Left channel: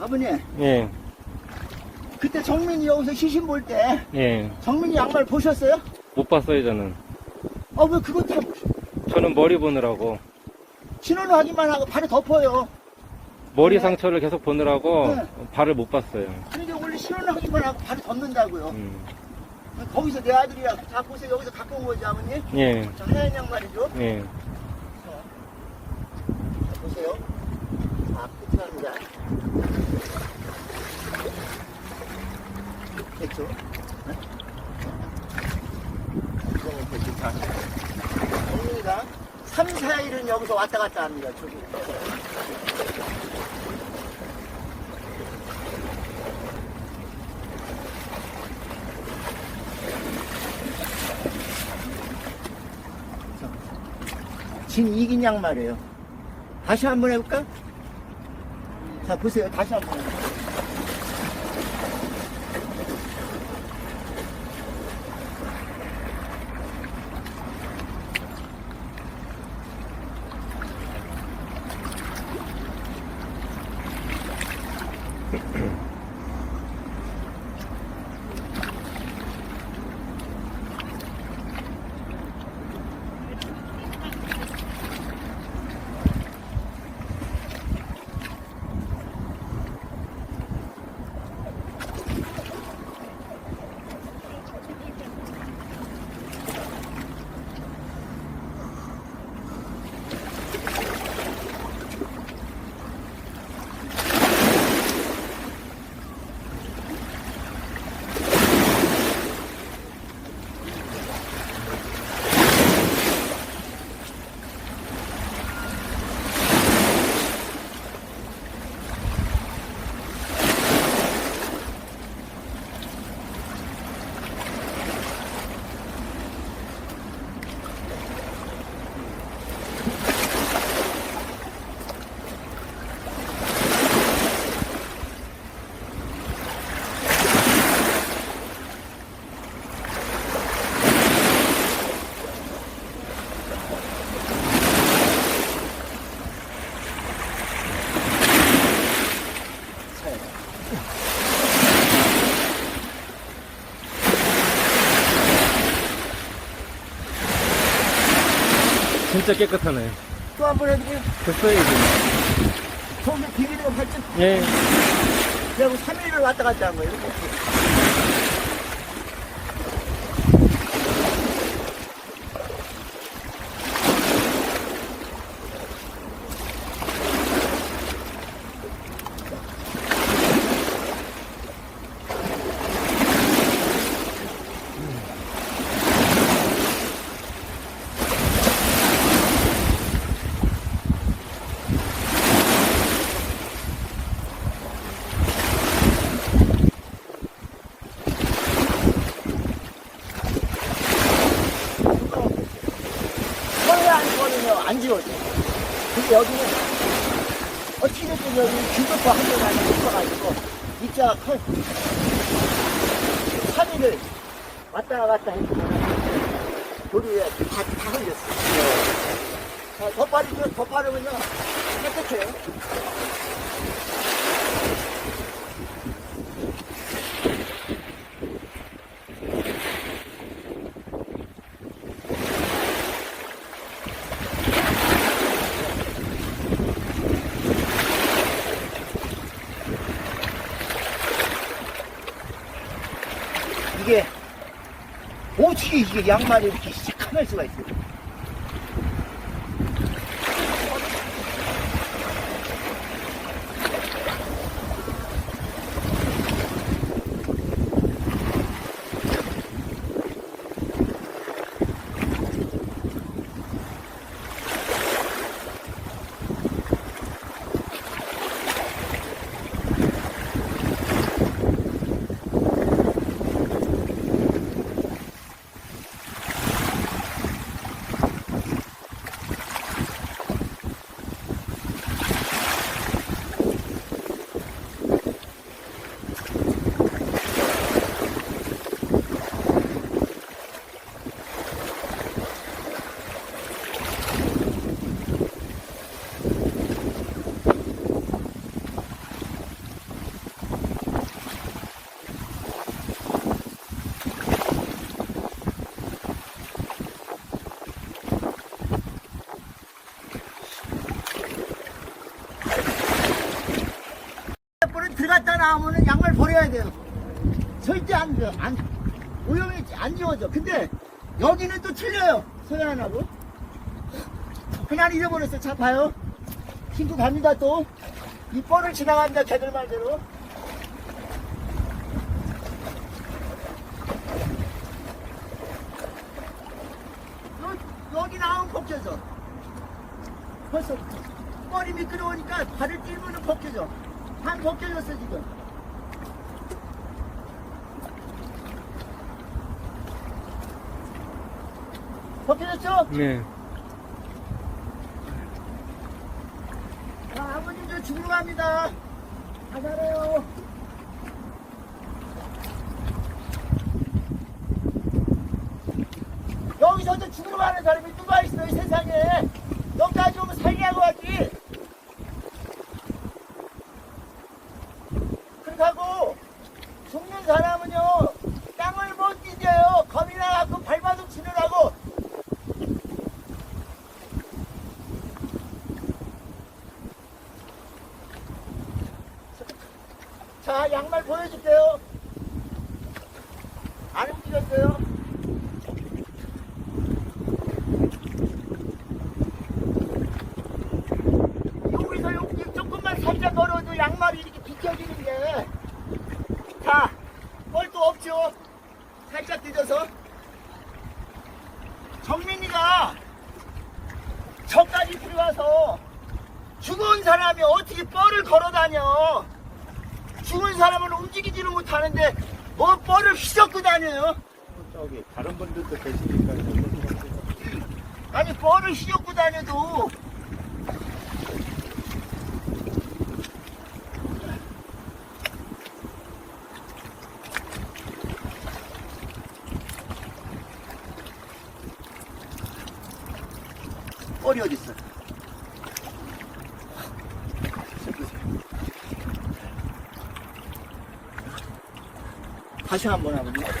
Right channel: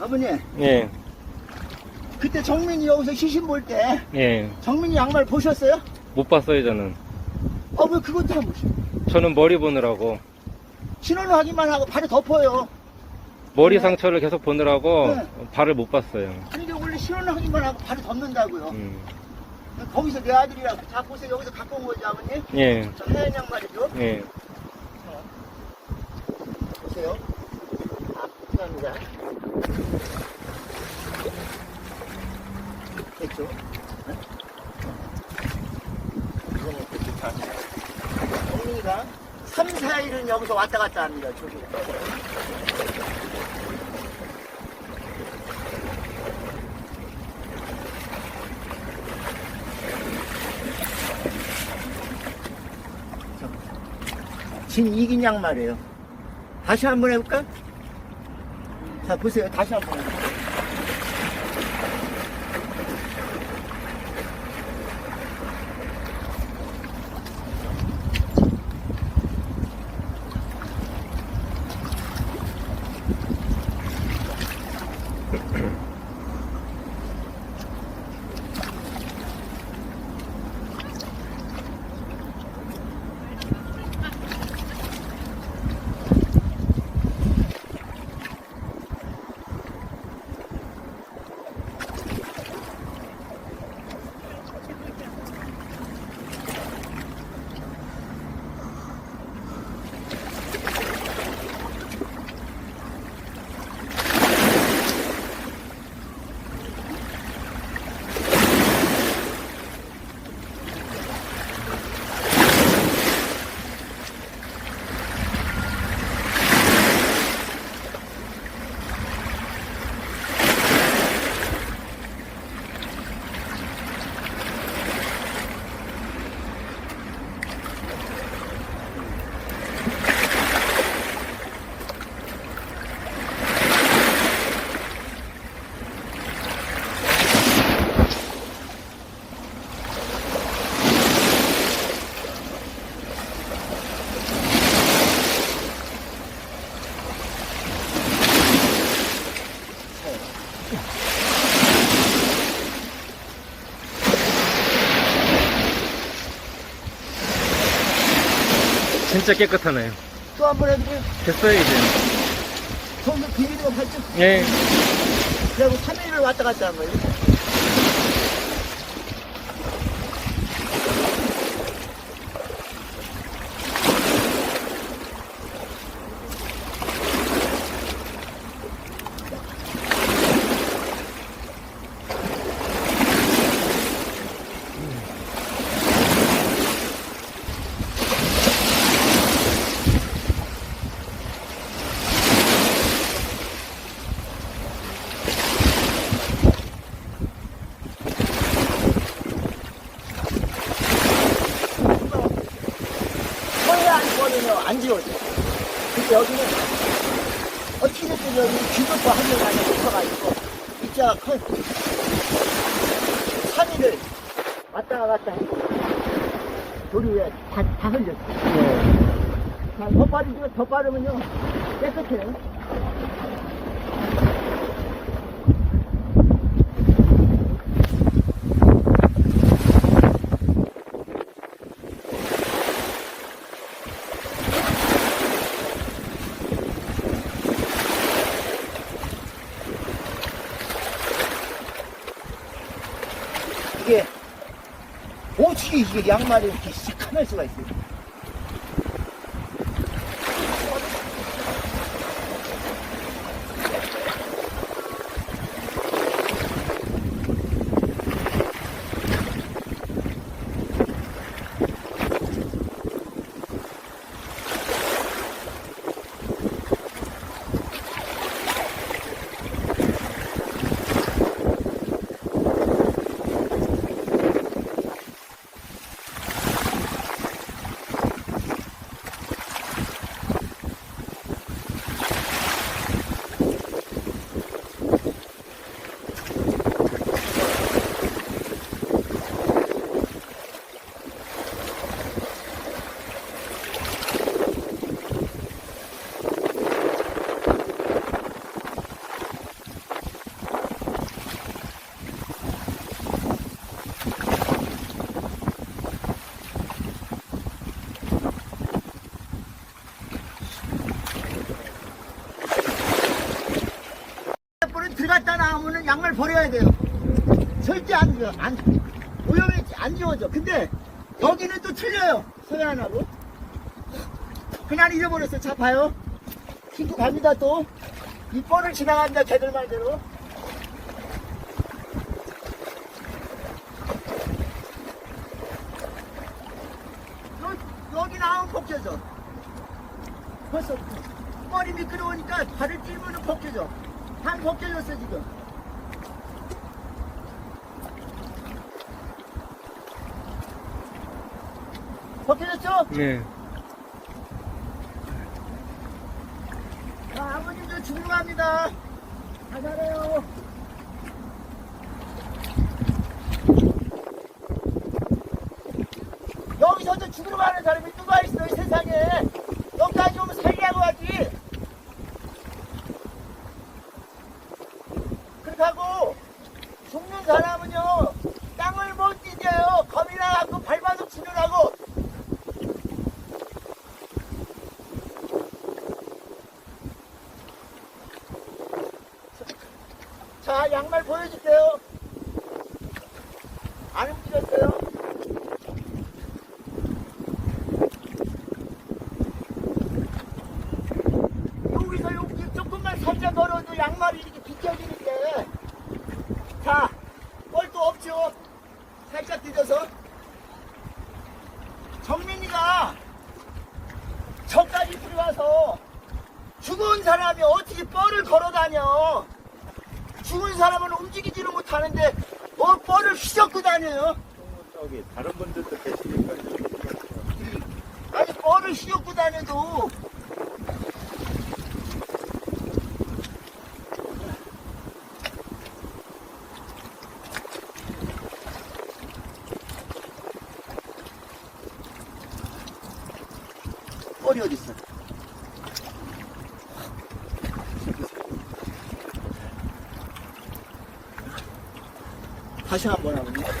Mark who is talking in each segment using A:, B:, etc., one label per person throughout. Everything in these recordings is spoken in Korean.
A: 아버님,
B: 예,
A: 그때 정민이 여기서 시신 볼 때
B: 예.
A: 정민이 양말 보셨어요?
B: 못 봤어요, 저는.
A: 어, 왜 그것도 안 보셔?
B: 저는 머리 보느라고.
A: 신원 확인만 하고 바로 덮어요.
B: 머리
A: 네.
B: 상처를 계속 보느라고
A: 네.
B: 발을 못 봤어요.
A: 아니, 이게 원래 신원 확인만 하고 바로 덮는다고요.
B: 음.
A: 거기서 내 아들이랑 다 보세요. 여기서 갖고 온 거지, 아버님?
B: 예,
A: 저 하얀 양말이죠?
B: 예.
A: 자, 보세요. 아, 감사합니다. 됐죠? 네? 이거는 또 좋다. 정민이가 3, 4일은 여기서 왔다 갔다 합니다, 저기. 진 이긴 양말이에요. 다시 한번 해볼까? 자, 보세요. 다
B: 진짜 깨끗하네요.
A: 또 한 번 해드려요.
B: 됐어요, 이제.
A: 거기서 비비는 거 봤죠?
B: 예.
A: 그리고 3일을 왔다 갔다 한 거예요. 이렇게. 서해안 거는요, 안 지워져. 여기는 어떻게 됐든 여기 기도포 한명 안에 붙어가지고 입자가 커요. 3일을 왔다 갔다 했고 돌 위에 다, 다 흔졌어요. 자, 더 빠르죠? 더 빠르면요, 깨끗해요. 이게 이게 양말이 이렇게 시커멀 수가 있어요. 안, 오염이 안 지워져. 근데 여기는 또 틀려요. 서해안하고. 그날 잃어버렸어. 자, 봐요. 신고 갑니다, 또. 이 뻘을 지나갑니다, 걔들 말대로. 여, 여기 나오면 벗겨져. 벌써 뻘이 미끄러우니까 발을 띄면은 벗겨져. 반 벗겨졌어, 지금. 벗겨졌죠?
B: 네.
A: 자, 아버님 저 죽으러 갑니다. 다 잘해요. 여기서도 죽으러 가는 사람이 누가 있어, 이 세상에. 여기까지 오면 살리하고 가지. 그렇게 하고, 죽는 사람은요, 땅을 못 뒤져요. 겁이 나갖고 발바닥 치느라고. 자, 양말 보여줄게요. 안 움직였어요. 여기서 여기 조금만 살짝 걸어도 양말이 이렇게 비껴지는데. 자, 뻘도 없죠? 살짝 뒤져서. 정민이가 저까지 들어와서 죽은 사람이 어떻게 뻘을 걸어 다녀? 죽은 사람은 움직이지를 못하는데 뭐 뻘을 휘젓고 다녀요?
C: 저기 다른 분들도 계시니까
A: 아니 뻘을 휘젓고 다녀도 다시 한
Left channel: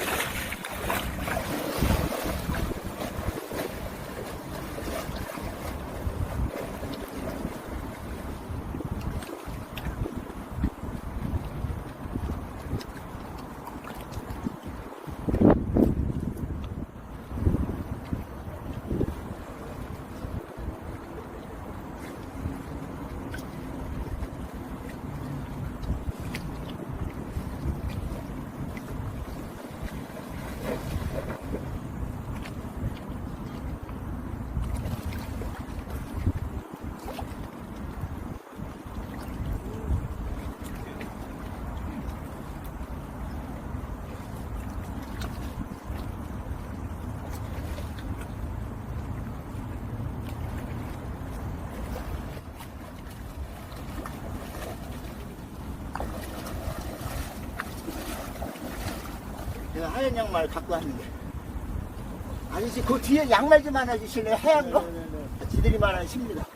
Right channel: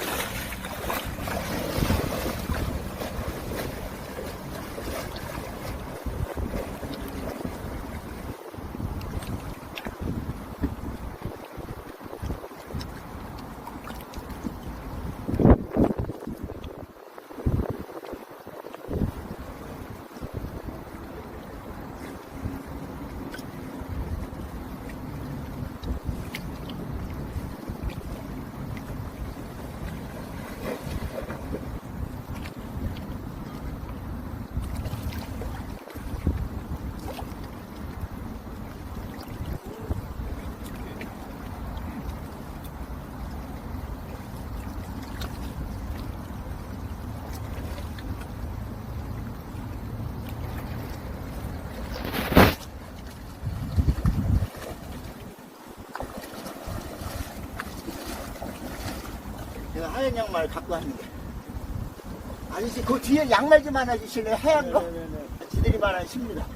A: 내가 하얀 양말 갖고 왔는데. 아니지, 그 뒤에 양말 좀 하나 주실래요? 하얀 거? 아, 지들이 말하는 십니다.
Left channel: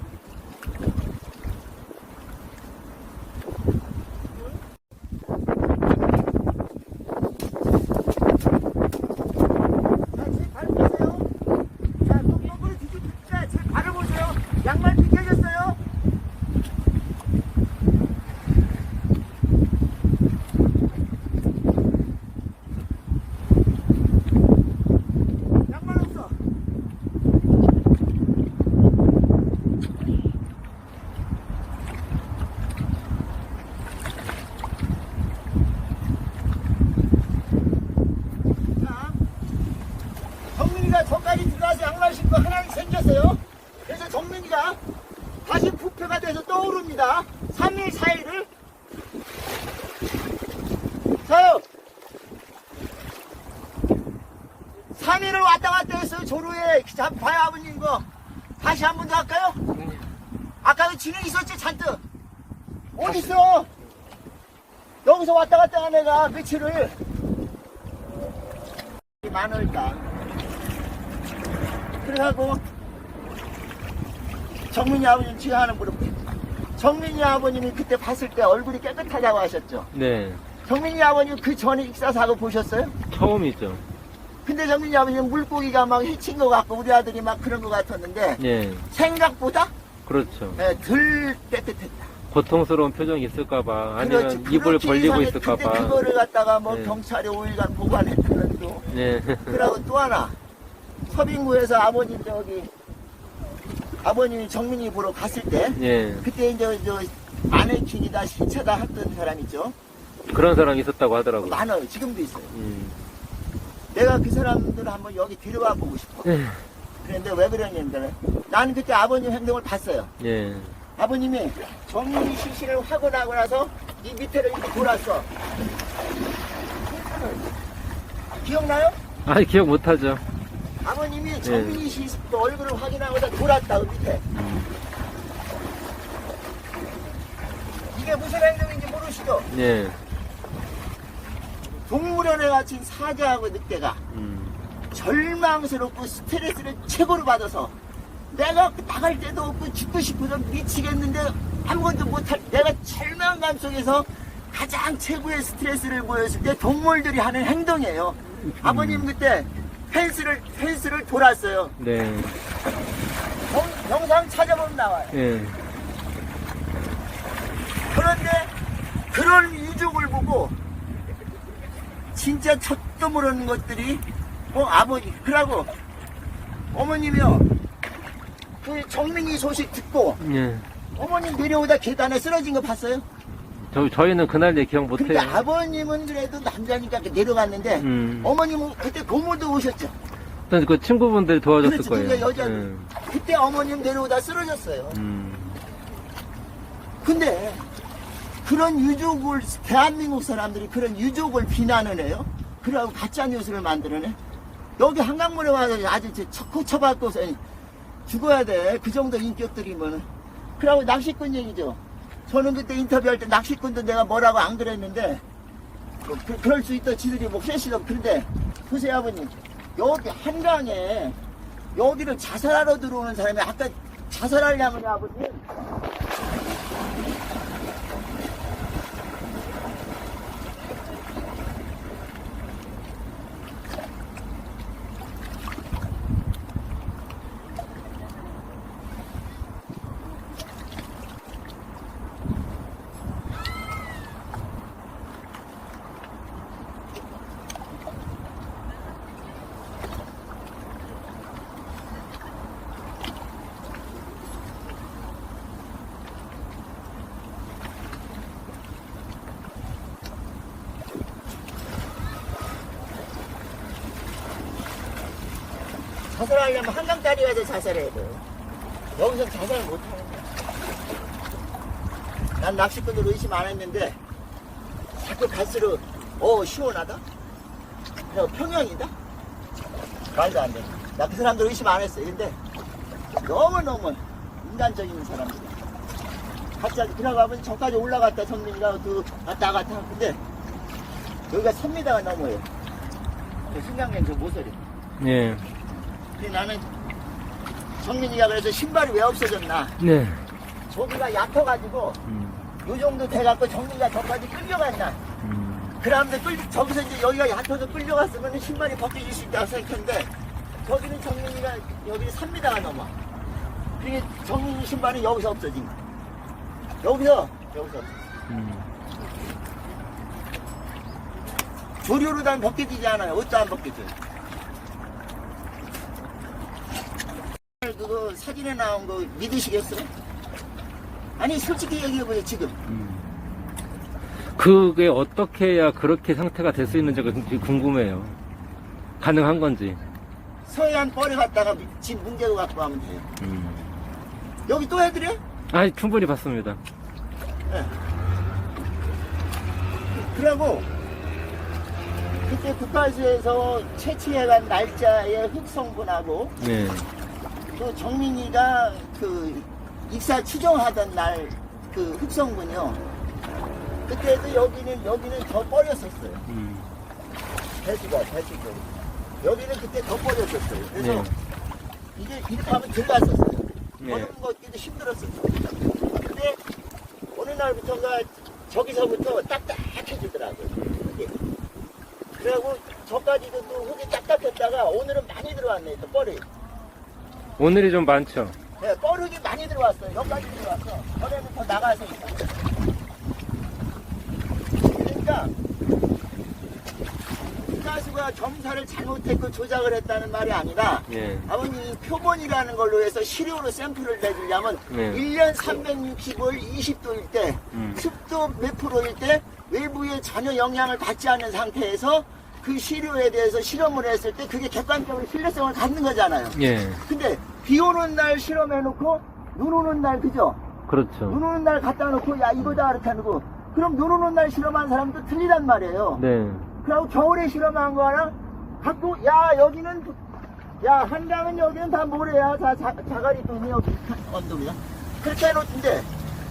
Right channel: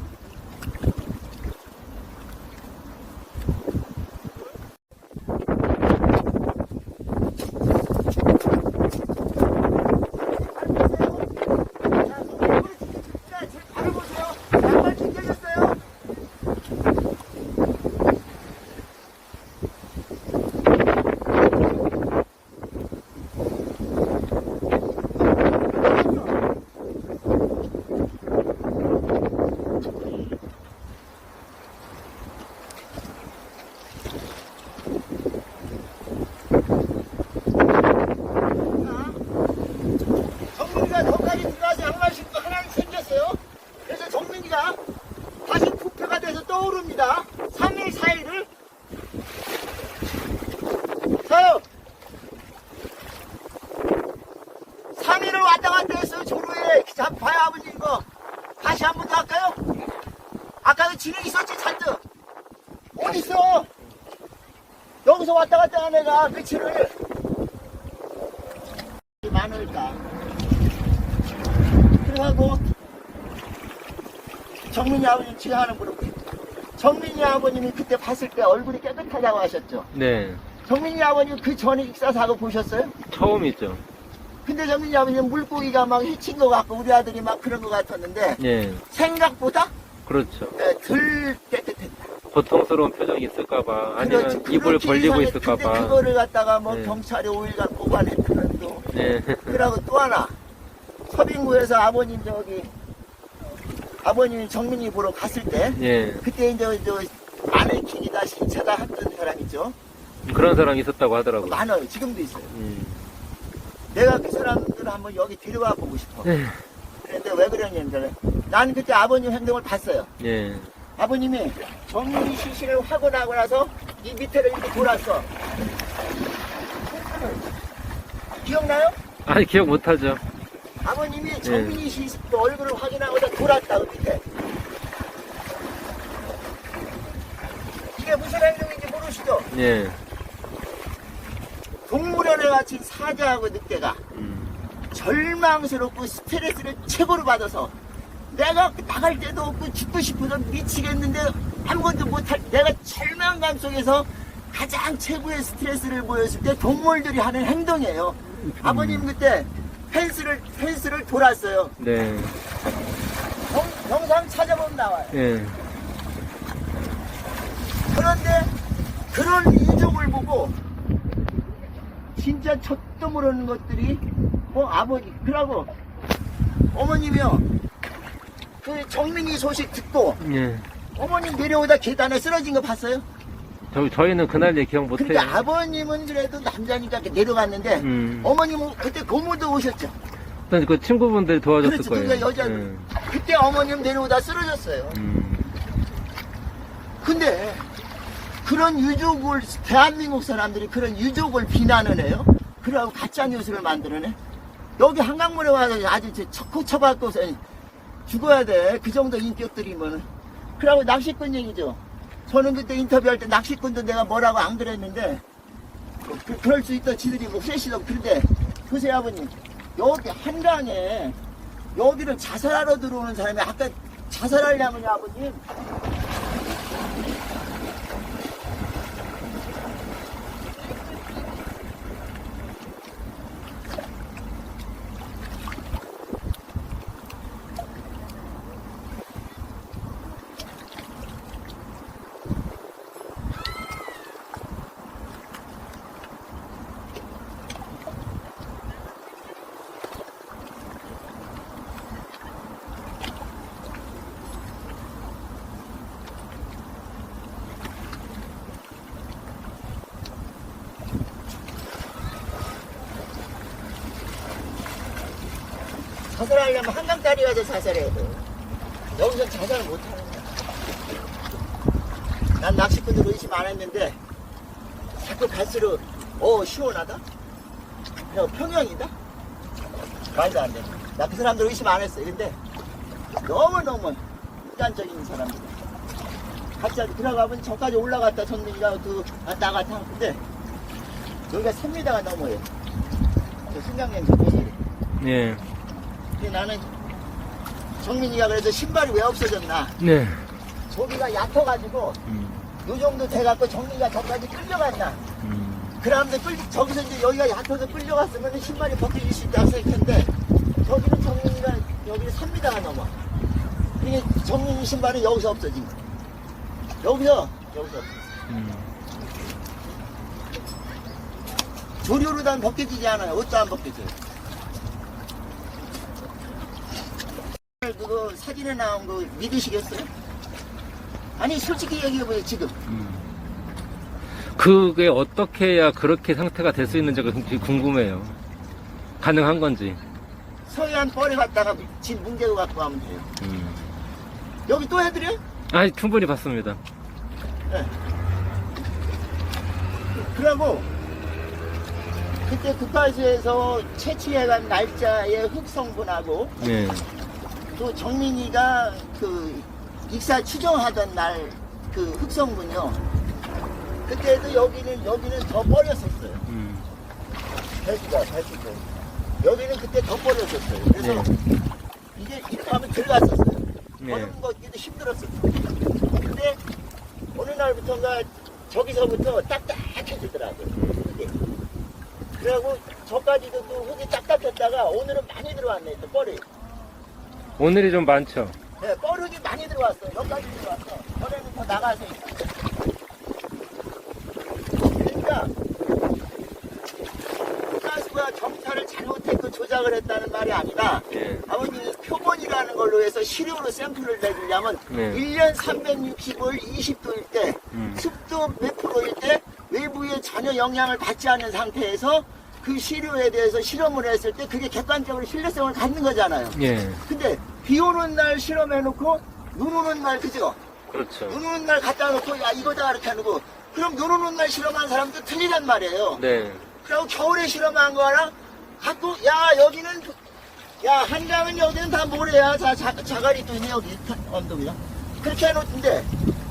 A: 발 보세요. 자, 손으로 직접 진짜 제 발을 보세요. 양말 벗겨졌어요. 정민이가 저까지 들어가서 양말 신고 하나는 생겼어요. 그래서 정민이가 다시 부패가 돼서 떠오릅니다. 3일, 4일을. 저요. 3일을 왔다 갔다 했어요. 조로에. 자, 봐요, 아버님 거. 다시 한 번 더 할까요? 아까 그 진행 있었지, 잔뜩. 어딨어? 여기서 왔다 갔다 한 애가 며칠을. 많으니까. 그래가고 정민이 아버님 지가 하는 물어보요 정민이 아버님이 그때 봤을 때 얼굴이 깨끗하다고 하셨죠.
B: 네.
A: 정민이 아버님 그 전에 익사 사고 보셨어요?
B: 처음이죠.
A: 근데 정민이 아버님 물고기가 막 해친 것 같고 우리 아들이 막 그런 것 같았는데
B: 예.
A: 생각보다
B: 그렇죠.
A: 예, 덜 깨끗했다.
B: 고통스러운 표정이 있을까봐 아니면
A: 그렇지,
B: 입을 벌리고
A: 이상해.
B: 있을까봐.
A: 그거를 갖다가 뭐
B: 네.
A: 경찰에 5일간 보관했다는 또.
B: 네.
A: 그리고 또 하나 서빙구에서 아버님 저기 아버님이 정민이 보러 갔을 때
B: 예.
A: 그때 이제 저 마네킹이다 신차다 했던 사람 있죠
B: 그런 사람이 있었다고 하더라고요.
A: 많아요 지금도 있어요
B: 음.
A: 내가 그 사람들 한번 여기 데려가 보고 싶어
B: 예.
A: 그런데 왜 그러냐면 나는 그때 아버님 행동을 봤어요
B: 예.
A: 아버님이 정민이 시신을 하고 나고 나서 이 밑에를 이렇게 돌았어 기억나요?
B: 아니 기억 못하죠.
A: 아버님이 정민이 씨 얼굴을 확인하고 다 돌았다 그 밑에 이게 무슨 행동인지 모르시죠?
B: 예.
A: 동물원에 갇힌 사자하고 늑대가
B: 음.
A: 절망스럽고 스트레스를 최고로 받아서 내가 나갈 데도 없고 죽고 싶어서 미치겠는데 아무것도 못할 내가 절망감 속에서 가장 최고의 스트레스를 보였을 때 동물들이 하는 행동이에요. 아버님 그때 펜스를 펜스를 돌았어요.
B: 네.
A: 영, 영상 찾아보면 나와요.
B: 예.
A: 그런데 그런 이족을 보고 진짜 젖도 모르는 것들이 뭐 아버지 그러고 어머님이요 그 정민이 소식 듣고
B: 예.
A: 어머니 내려오다 계단에 쓰러진 거 봤어요?
B: 저, 저희는 그날 얘 기억
A: 근데
B: 못해요.
A: 아버님은 그래도 남자니까 이렇게 내려갔는데
B: 음.
A: 어머님은 그때 고모도 오셨죠
B: 일단 그 친구분들이 도와줬을
A: 그렇죠.
B: 거예요.
A: 그러니까 여자
B: 예.
A: 그때 어머님 내려오다 쓰러졌어요
B: 음.
A: 근데 그런 유족을 대한민국 사람들이 그런 유족을 비난을 해요. 그러고 가짜 뉴스를 만들어내. 여기 한강물에 와서 아주 척코 쳐갖고서 죽어야 돼. 그 정도 인격들이면. 그러고 낚시꾼 얘기죠. 저는 그때 인터뷰할 때 낚시꾼도 내가 뭐라고 안 그랬는데 뭐 그, 그럴 수 있다. 지들이 뭐 셋이다. 그런데 보세요 아버님. 여기 한강에 여기를 자살하러 들어오는 사람이 아까 자살하려면 아버님 자살하려면 한강다리 가서 자살해야 돼. 여기서 자살을 못하는 거야. 난 낚시꾼들 의심 안 했는데, 자꾸 갈수록, 어, 시원하다? 야, 평양이다? 말도 안 돼. 나 그 사람들 의심 안 했어. 근데, 너무너무 인간적인 사람들. 갑자기 들어가면 저까지 올라갔다 정민이가 그 왔다 갔다 하는데, 여기가 3m가 넘어요. 그 승강장 그 모서리.
B: 예.
A: 근데 나는 정민이가 그래서 신발이 왜 없어졌나
B: 네.
A: 저기가 얕아가지고
B: 음.
A: 요 정도 돼갖고 정민이가 저까지 끌려갔나
B: 음.
A: 그다음에 끌 저기서 이제 여기가 얕아서 끌려갔으면 신발이 벗겨질 수 있다고 생각했는데 저기는 정민이가 여기 3m가 넘어 이게 정민이 신발은 여기서 없어진 거야 여기서 여기서
B: 음.
A: 조류로 다 벗겨지지 않아요 옷도 안 벗겨져요 그거 사진에 나온 거 믿으시겠어요? 아니 솔직히 얘기해보세요 지금
B: 음. 그게 어떻게 해야 그렇게 상태가 될 수 있는지가 굉장히 궁금해요. 가능한 건지.
A: 서해안 뻘에 갔다가 진 뭉개고 갖고 가면 돼요
B: 음.
A: 여기 또 해드려?
B: 아, 충분히 봤습니다.
A: 네. 그러고 그때 국가수에서 채취해간 날짜의 흑성분하고
B: 네.
A: 또 정민이가 그 익사 추정하던 날 그 흑성분이요. 그때도 여기는 여기는 더 버렸었어요.
B: 음.
A: 배수가 배수가 여기는 그때 더 버렸었어요. 그래서
B: 네.
A: 이게 이렇게 하면 들어갔었어요.
B: 네.
A: 버는 것기도 힘들었어요. 근데 어느 날부터가 저기서부터 딱딱해지더라고요. 이게. 그리고 저까지도 또 흙이 딱딱했다가 오늘은 많이 들어왔네, 또 뻘이.
B: 오늘이 좀 많죠.
A: 네, 뻐룩이 많이 들어왔어요. 여기까지 들어왔어. 전에는 더 나가서 있어. 그러니까 국가수가 정사를 잘못했고 조작을 했다는 말이 아니라
B: 예.
A: 아버님이 표본이라는 걸로 해서 시료로 샘플을 내주려면
B: 네.
A: 1년 365일 20도일 때
B: 음.
A: 습도 몇 프로일 때 외부에 전혀 영향을 받지 않는 상태에서 그 시료에 대해서 실험을 했을 때 그게 객관적으로 신뢰성을 갖는 거잖아요.
B: 예.
A: 근데 비 오는 날 실험해놓고 눈 오는 날 그죠?
B: 그렇죠.
A: 눈 오는 날 갖다 놓고 야 이거다 이렇게 해놓고 그럼 눈 오는 날 실험한 사람도 틀리단 말이에요.
B: 네.
A: 그리고 겨울에 실험한 거 하나 갖고 야 여기는 야 한강은 여기는 다 모래야 자, 자 자갈이 또 있네 여기 언덕이야 그렇게 해놓던데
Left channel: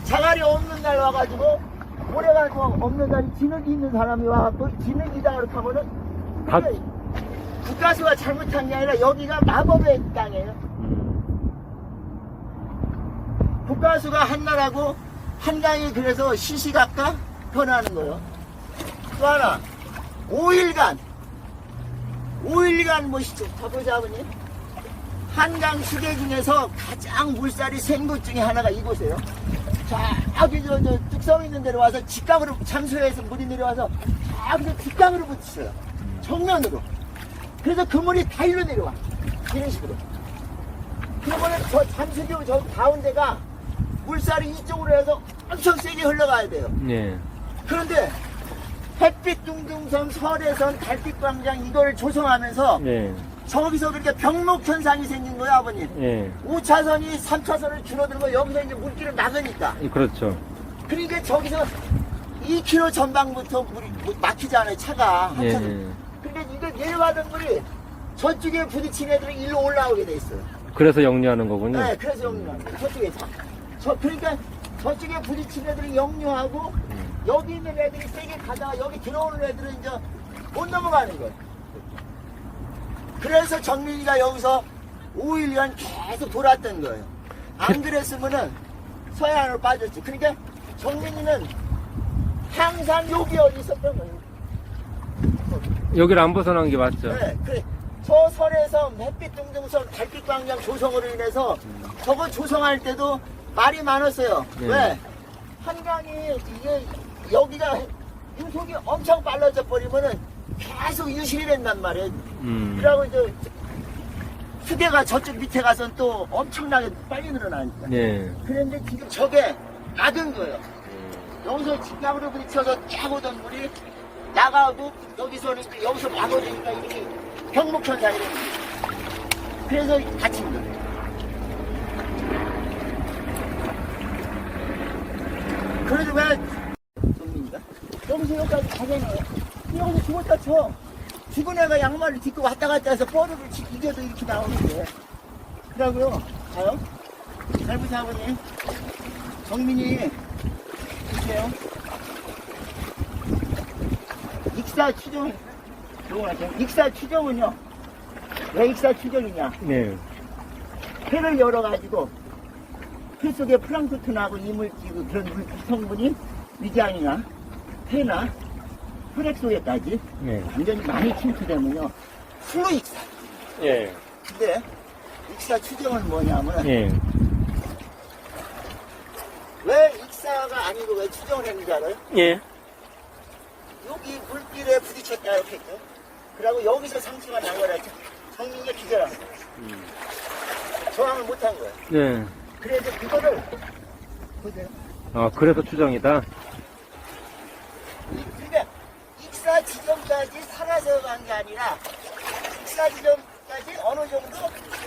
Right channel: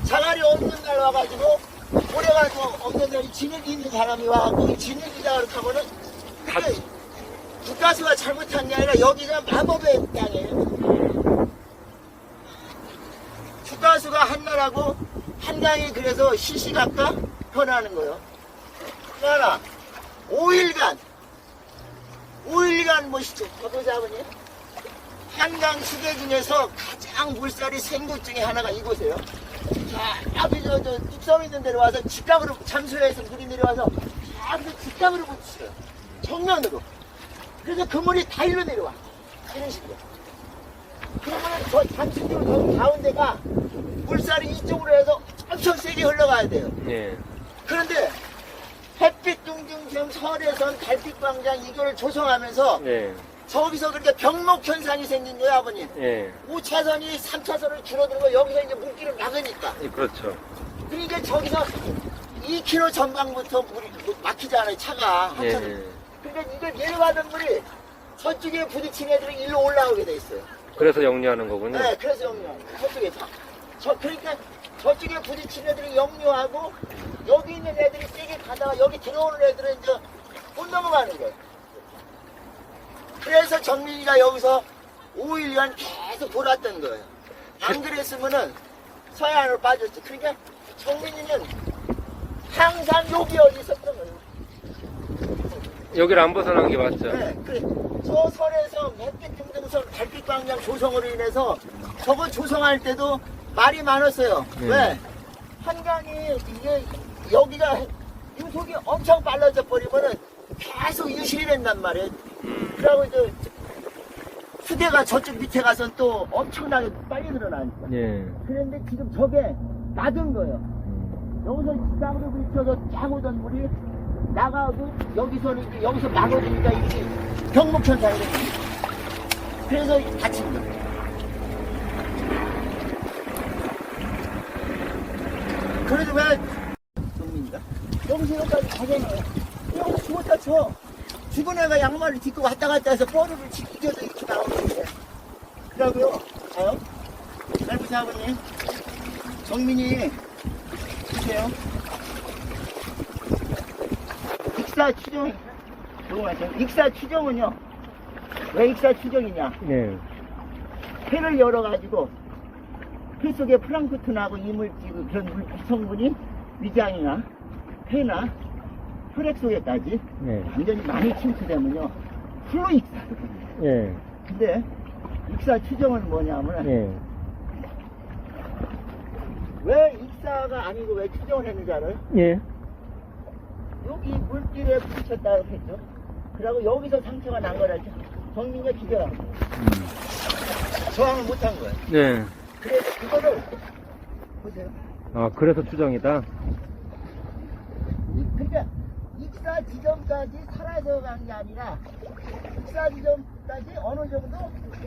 A: 자갈이 없는 날 와가지고 모래가 또 없는 날이 진흙이 있는 사람이 와갖고 진흙이다 그렇게 하면은
B: 다-
A: 그게 국가수가 잘못한 게 아니라 여기가 마법의 땅이에요. 국가수가 한나라고 한강이 그래서 시시각각 변하는 거예요. 또 하나 5일간. 5일간 뭐시죠? 저보자 아버님 한강 시계 중에서 가장 물살이 센 곳 중에 하나가 이곳이에요. 자 여기 저, 저 뚝섬 있는 데로 와서 직각으로 잠수해서 물이 내려와서 저기 직각으로 붙이어요. 정면으로. 그래서 그 물이 다 일로 내려와. 이런 식으로. 그러면 저 잠수교 저 가운데가 물살이 이쪽으로 해서 엄청 세게 흘러가야 돼요.
B: 예.
A: 그런데 햇빛 둥둥섬, 설해선, 달빛광장 이걸 조성하면서
B: 예.
A: 저기서 그렇게 병목 현상이 생긴 거야 아버님.
B: 예.
A: 5차선이 3차선을 줄어들고 여기서 이제 물길을 막으니까.
B: 예, 그렇죠.
A: 그러니까 저기서 2km 전방부터 물이 뭐 막히잖아요 차가. 한
B: 예.
A: 차선. 그러니까 이걸 내려가던 물이 저쪽에 부딪힌 애들은 일로 올라오게 돼 있어요.
B: 그래서 영리하는 거군요.
A: 네, 그래서 영유하는 거예요. 저쪽에서. 저, 그러니까 저쪽에 부딪힌 애들이 영유하고 여기 있는 애들이 세게 가다가 여기 들어오는 애들은 이제 못 넘어가는 거예요. 그래서 정민이가 여기서 5일간 계속 돌았던 거예요. 안 그랬으면은 서해안으로 빠졌지. 그러니까 정민이는 항상 여기 어디 있었던 거예요.
B: 여기를 안 벗어난 게 맞죠.
A: 그래, 그래. 저 설에서 햇빛 등등선 달빛 광량 조성으로 인해서 저거 조성할 때도 말이 많았어요.
B: 네.
A: 왜? 한강이 이게 여기가 유속이 엄청 빨라져 버리면은 계속 유실이 된단 말이에요.
B: 음.
A: 그러고 이제 수계가 저쪽 밑에 가서 또 엄청나게 빨리 늘어나니까.
B: 예.
A: 그런데 지금 저게 막은 거예요.
B: 음.
A: 여기서 직각으로 부딪혀서 쫙 오던 물이 나가고 여기서는 여기서 막아주니까 이게 되는 거예요. 그래서 다친 거예요. 그래도 왜 정민이가 여기서 여기까지 가잖아요. 여기서 죽었다 쳐. 죽은 애가 양말을 딛고 왔다 갔다 해서 뻐리를 이겨서 이렇게 나오는데. 그러고요. 가요. 잘 보세요, 아버님. 정민이 주세요. 익사 추정, 조용하세요. 익사 추정은요, 왜 익사 추정이냐?
B: 네.
A: 폐를 열어가지고, 폐 속에 플랑크톤하고 이물질, 그런 물질 성분이 위장이나 폐나 혈액 속에까지
B: 네.
A: 완전히 많이 침투되면요, 술로 익사거든요.
B: 예.
A: 근데, 익사 추정은 뭐냐면,
B: 예.
A: 왜 익사가 아니고 왜 추정을 했는지 알아요?
B: 예.
A: 여기 물길에 부딪혔다 이렇게 했죠. 그리고 여기서 상처가 난 거라죠. 정민이가 기절한 거예요. 저항을 못한 거예요.
B: 네.
A: 그래서 그거를 보세요.
B: 아, 그래서 추정이다.
A: 이- 그러니까 익사 지점까지 살아서 간게 아니라 익사 지점까지 어느 정도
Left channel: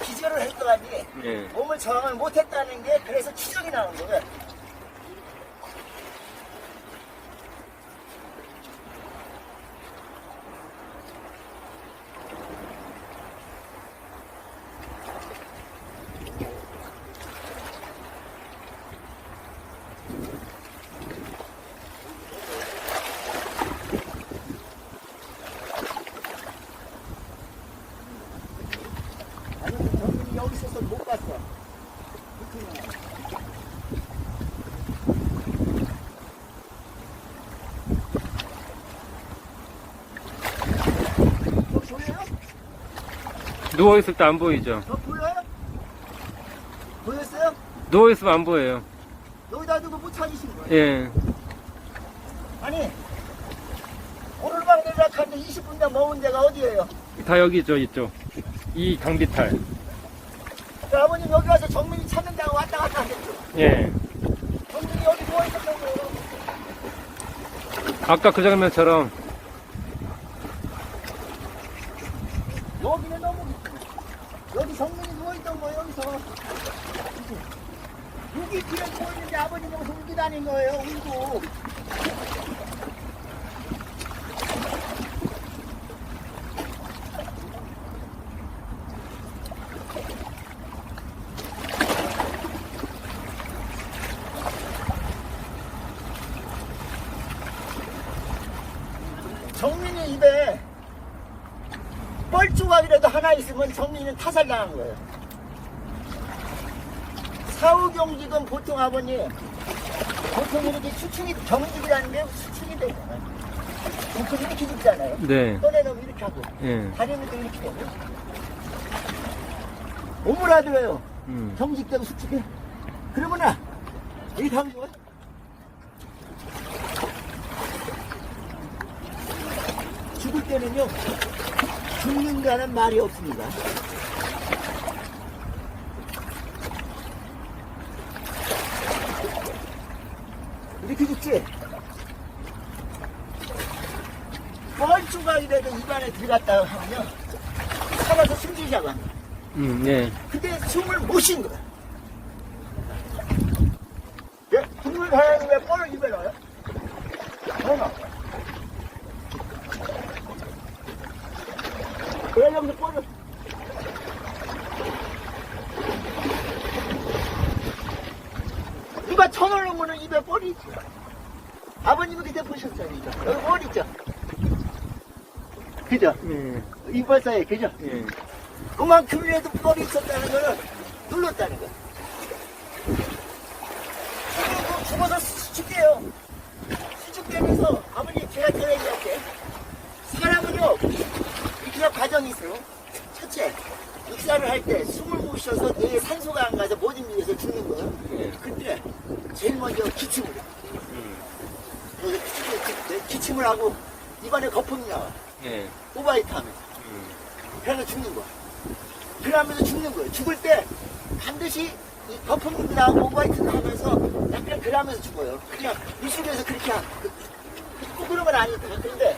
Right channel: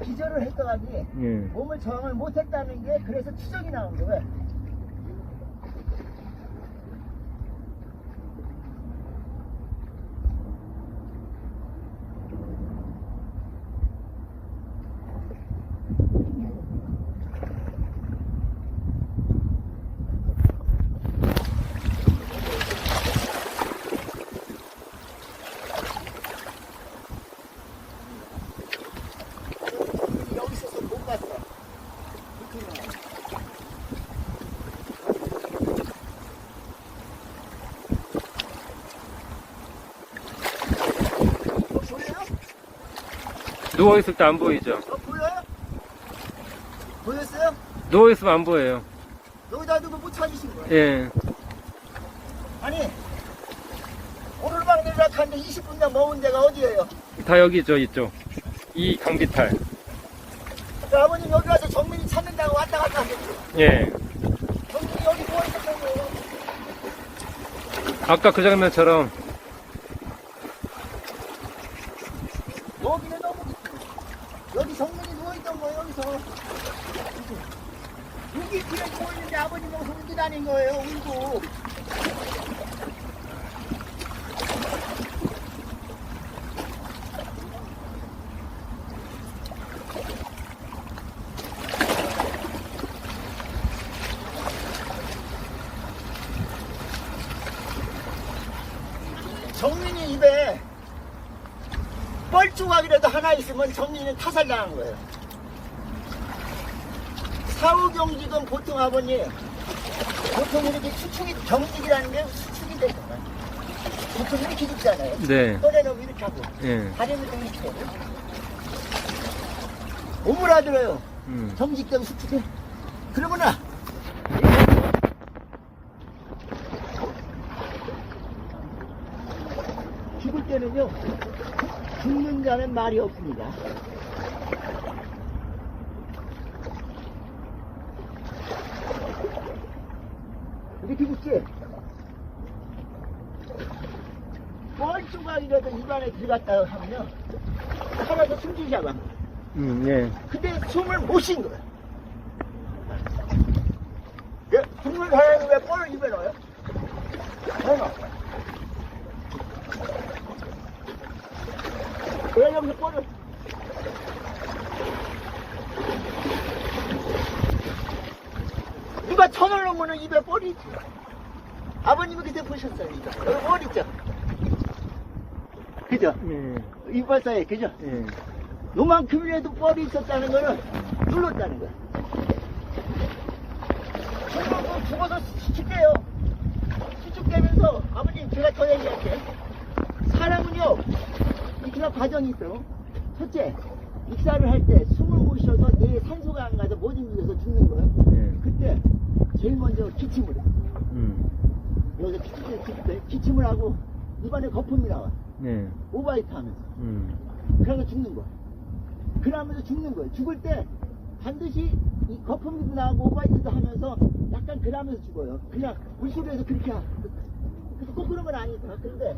A: 기절을 했더니
B: 예.
A: 몸을 저항을 못했다는 게 그래서 추정이 나온 거예요. 정민이 여기 있어서 못 봤어. 불편해. 어, 보여요?
B: 누워있을 때 안 보이죠?
A: 어, 보여요? 보였어요?
B: 누워있으면 안 보여요.
A: 여기다 두고 못 찾으신 거예요.
B: 예.
A: 아니, 오르막 내리락 하는데 20분당 먹은 데가 어디예요?
B: 다 여기 있죠, 이쪽. 이 강비탈.
A: 그 아버님 여기 와서 정민이 찾는다고 왔다 갔다 하겠죠.
B: 예.
A: 정민이 여기 누워있었던 거예요.
B: 아까 그 장면처럼
A: 여기는 너무 깊어. 여기 정민이 누워있던 거예요, 여기서. 길에 누워있는데 아버님 여기서 울고 다닌 거예요, 울고. 정민이 입에 뻘조각이라도 하나 있으면 정민이는 타살당한 거예요. 사후경직은 보통 아버님, 보통 이렇게 수축이, 경직이라는 게 수축이 되잖아요. 보통 이렇게 죽잖아요.
B: 네.
A: 꺼내놓으면 이렇게 하고,
B: 예.
A: 다리는 또 이렇게 되고. 오므라들어요.
B: 음.
A: 경직되고 수축해. 그러면은, 이거 보고, 죽을 때는요, 죽는다는 말이 없습니다. 이렇게 죽지? 뻘조각이라도 입안에 들어갔다 하면요, 살아서 숨지자고 합니다.
B: 음, 예.
A: 근데 숨을 못 쉰 거야. 예, 사람이 왜 뻘을 입에 넣어요? 넣어. 왜 여기서 뻘을? 누가 천을 넣으면 입에 뻘이 있지. 아버님이 그때 보셨어요. 여기 뻘 있죠? 그죠?
B: 예.
A: 이빨 사이에, 그죠?
B: 예.
A: 요만큼이라도 뻘이 있었다는 거는 눌렀다는 거야. 죽어서, 죽어서 수축돼요. 수축되면서, 아버님, 제가 더 얘기할게. 사람은요, 익사 과정이 있어요. 첫째, 익사를 할 때 숨을 못 쉬어서 뇌에 산소가 안 가서 못 움직여서 죽는 거예요.
B: 예.
A: 근데, 제일 먼저 기침을 해.
B: 음.
A: 여기 기침을, 기침을- 하고, 입안에 거품이 나와.
B: 예.
A: 오바이트 하면서.
B: 음.
A: 그래서 죽는 거야. 그러면서 죽는 거예요. 죽을 때 반드시 이 거품도 나고 오바이트도 하면서 약간 그러면서 죽어요. 그냥 물속에서 그렇게 하- 그- 꼭 그런 건 아니까. 근데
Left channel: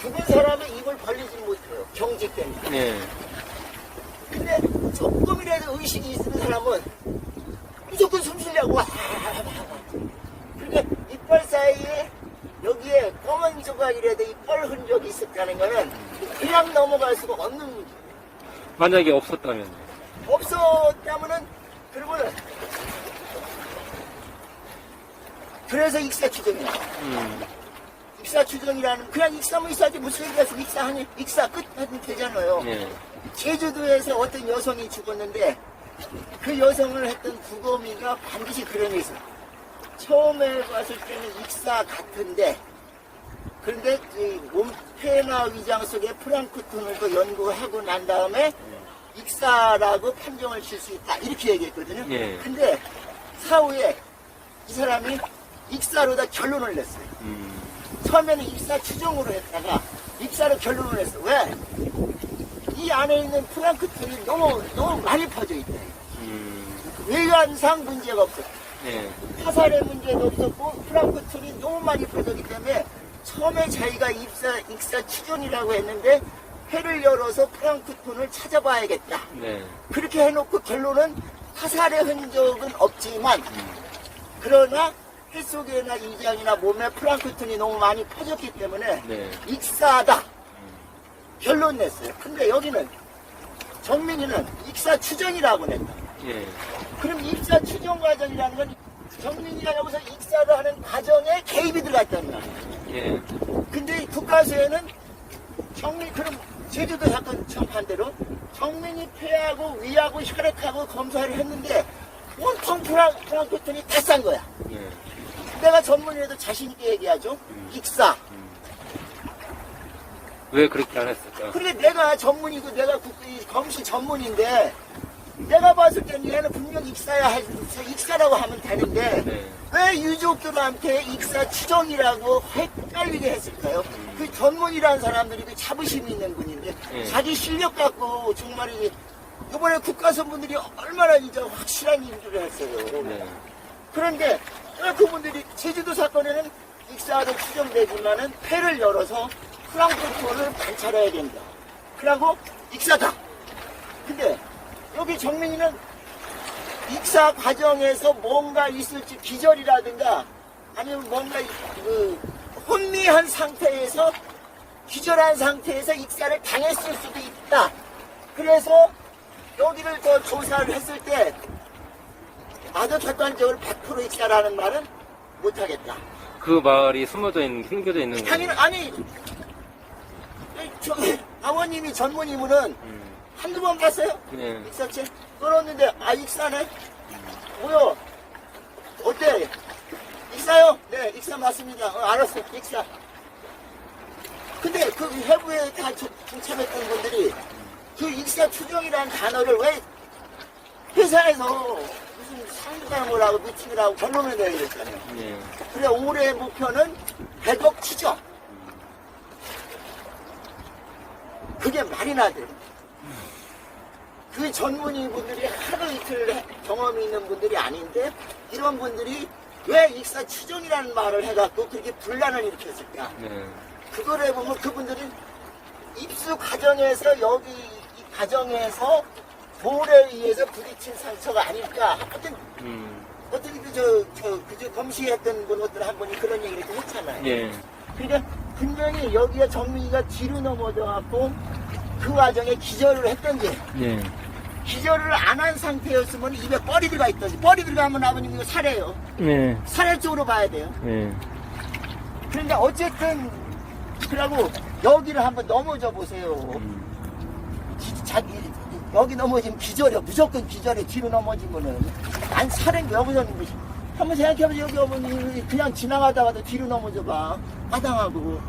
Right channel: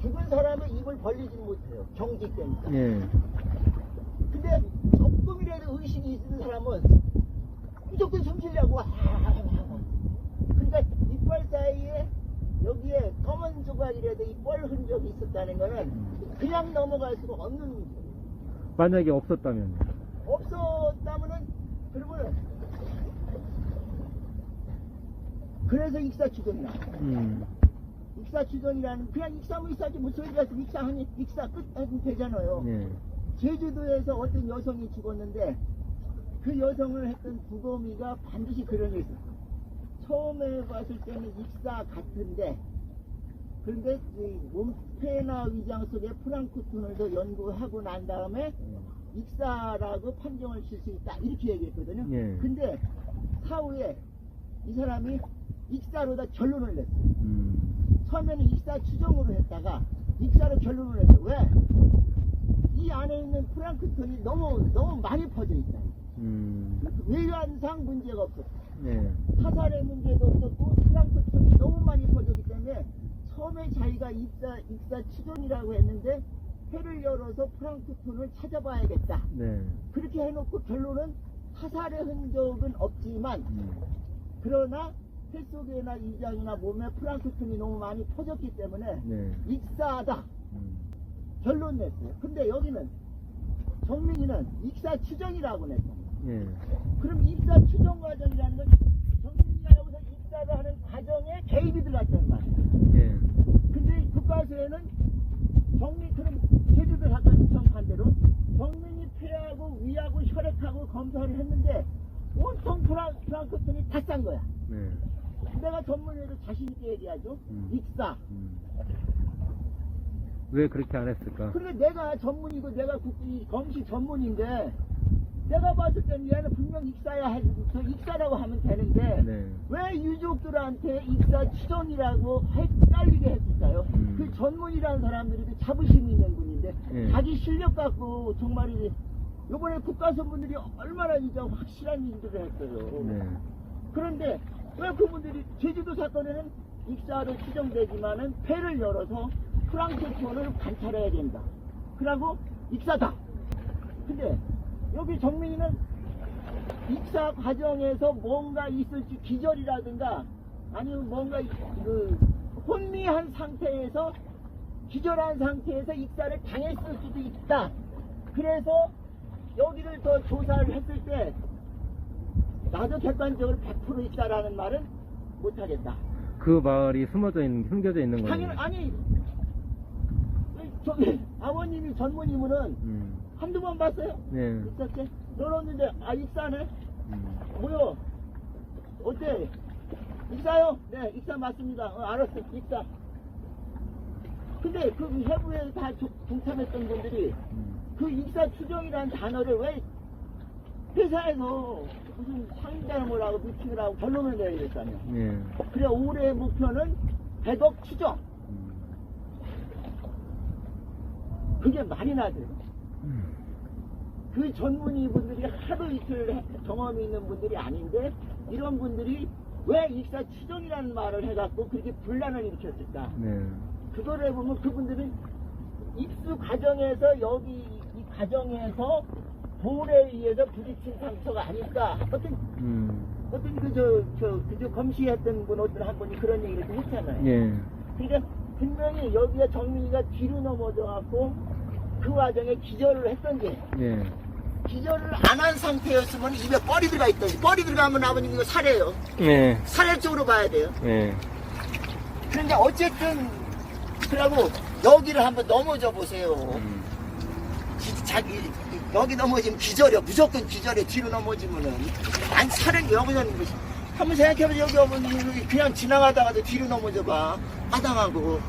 A: 죽은 사람은 입을 벌리지 못해요. 경직 때문에.
B: 예.
A: 근데 조금이라도 의식이 있는 사람은 무조건 숨 쉬려고 와. 그러니까 이빨 사이에 여기에 검은 조각이라도 이 뻘 흔적이 있었다는 거는 그냥 넘어갈 수가 없는 문제.
B: 만약에 없었다면.
A: 없었다면은 그러면은 그래서 익사 추정이야.
B: 음.
A: 익사 추정이라는 그냥 익사면 익사지 무슨 얘기가서 익사하니 익사 끝 하면 되잖아요.
B: 예.
A: 제주도에서 어떤 여성이 죽었는데 그 여성을 했던 구검이가 반드시 그런 게 있어요. 처음에 봤을 때는 익사 같은데 그런데 이 몸폐나 위장 속에 프랑크톤을 연구하고 난 다음에 익사라고 판정을 칠 수 있다 이렇게 얘기했거든요.
B: 예.
A: 근데 사후에 이 사람이 익사로 다 결론을 냈어요.
B: 음.
A: 처음에는 입사 추정으로 했다가 입사로 결론을 했어. 왜? 이 안에 있는 플랑크톤이 너무 너무 많이 퍼져 있다.
B: 음.
A: 외관상 문제가 없어.
B: 예.
A: 화살의 문제도 없었고 플랑크톤이 너무 많이 퍼졌기 때문에 처음에 자기가 입사 익사 추정이라고 했는데 해를 열어서 플랑크톤을 찾아봐야겠다.
B: 네.
A: 그렇게 해놓고 결론은 화살의 흔적은 없지만 그러나 해 속에나 이장이나 몸에 플랑크톤이 너무 많이 퍼졌기 때문에
B: 네.
A: 익사하다
B: 음.
A: 결론 냈어요. 근데 여기는 정민이는 익사 추정이라고 냈다.
B: 예.
A: 그럼 입사 추정 과정이라는 건 정민이가 여기서 익사를 하는 과정에 개입이 들어갔다는 거야.
B: 예.
A: 근데 국가수에는 정민 그럼 제주도 사건 정반대로 정민이 폐하고 위하고 혈액하고 검사를 했는데 온통 프랑, 프랑크톤이 다 싼 거야.
B: 예.
A: 내가 전문의라도 자신있게 얘기하죠.
B: 음.
A: 익사.
B: 음. 왜 그렇게 안 했을까?
A: 그런데 내가 전문이고 내가 국, 검시 전문인데 내가 봤을 때는 얘는 분명 익사야 할, 익사라고 하면 되는데
B: 네.
A: 왜 유족들한테 익사 추정이라고 헷갈리게 했을까요?
B: 음.
A: 그 전문이라는 사람들이 그 자부심이 있는 분인데
B: 예.
A: 자기 실력 갖고 정말 이 이번에 국가선분들이 얼마나 이제 확실한 일들을 했어요.
B: 네.
A: 그런데 왜 그분들이 제주도 사건에는 익사로 추정되지만은 폐를 열어서 프랑크톤을 관찰해야 된다. 그리고 익사다. 근데 여기 정민이는 익사 과정에서 뭔가 있을지 기절이라든가 아니면 뭔가 그 혼미한 상태에서 기절한 상태에서 익사를 당했을 수도 있다. 그래서 여기를 더 조사를 했을 때 나도 객관적으로 100% 익사라는 말은 못하겠다.
B: 그 마을이 숨어져 있는, 숨겨져 있는 거예요.
A: 아니 저 아버님이 전무님은
B: 음.
A: 한두 번 봤어요?
B: 네.
A: 익사체 걸었는데 아 익사네? 뭐요? 어때? 익사요? 네 익사 맞습니다. 어, 알았어 익사. 근데 그 해부에 다 조- 동참했던 분들이 그 익사 추정이라는 단어를 왜 회사에서 무슨 상담을 하고 미팅을 하고 결론을 내야 되잖아요.
B: 네.
A: 그래 올해 목표는 100억 추정. 그게 말이나 돼. 그 전문의 분들이 하루 이틀 해- 경험이 있는 분들이 아닌데 이런 분들이 왜 익사 추정이라는 말을 해갖고 그렇게 분란을 일으켰을까?
B: 네.
A: 그걸 해보면 그분들이 입수 과정에서 여기 이 과정에서 돌에 의해서 부딪힌 상처가 아닐까? 어떤
B: 음.
A: 어떤 그저 저 그저 검시했던 분 어떤 한 분이 그런 얘기를 했잖아요.
B: 예.
A: 그러니까 분명히 여기가 정민이가 뒤로 넘어져 갖고 그 과정에 기절을 했던지
B: 예.
A: 기절을 안 한 상태였으면 입에 뻘이 들어가 있던지 뻘이 들어가면 아버님 이거 살해요.
B: 네.
A: 살해 쪽으로 봐야 돼요.
B: 네.
A: 그러니까 어쨌든 그러고 여기를 한번 넘어져 보세요.
B: 음.
A: 기- 자기 여기 넘어지면 기절이요. 무조건 기절이 뒤로 넘어지면은 안 사는 게 여기서는 것이. 한번 생각해보세요. 여기 어머니 그냥 지나가다가도 뒤로 넘어져 봐. 마당하고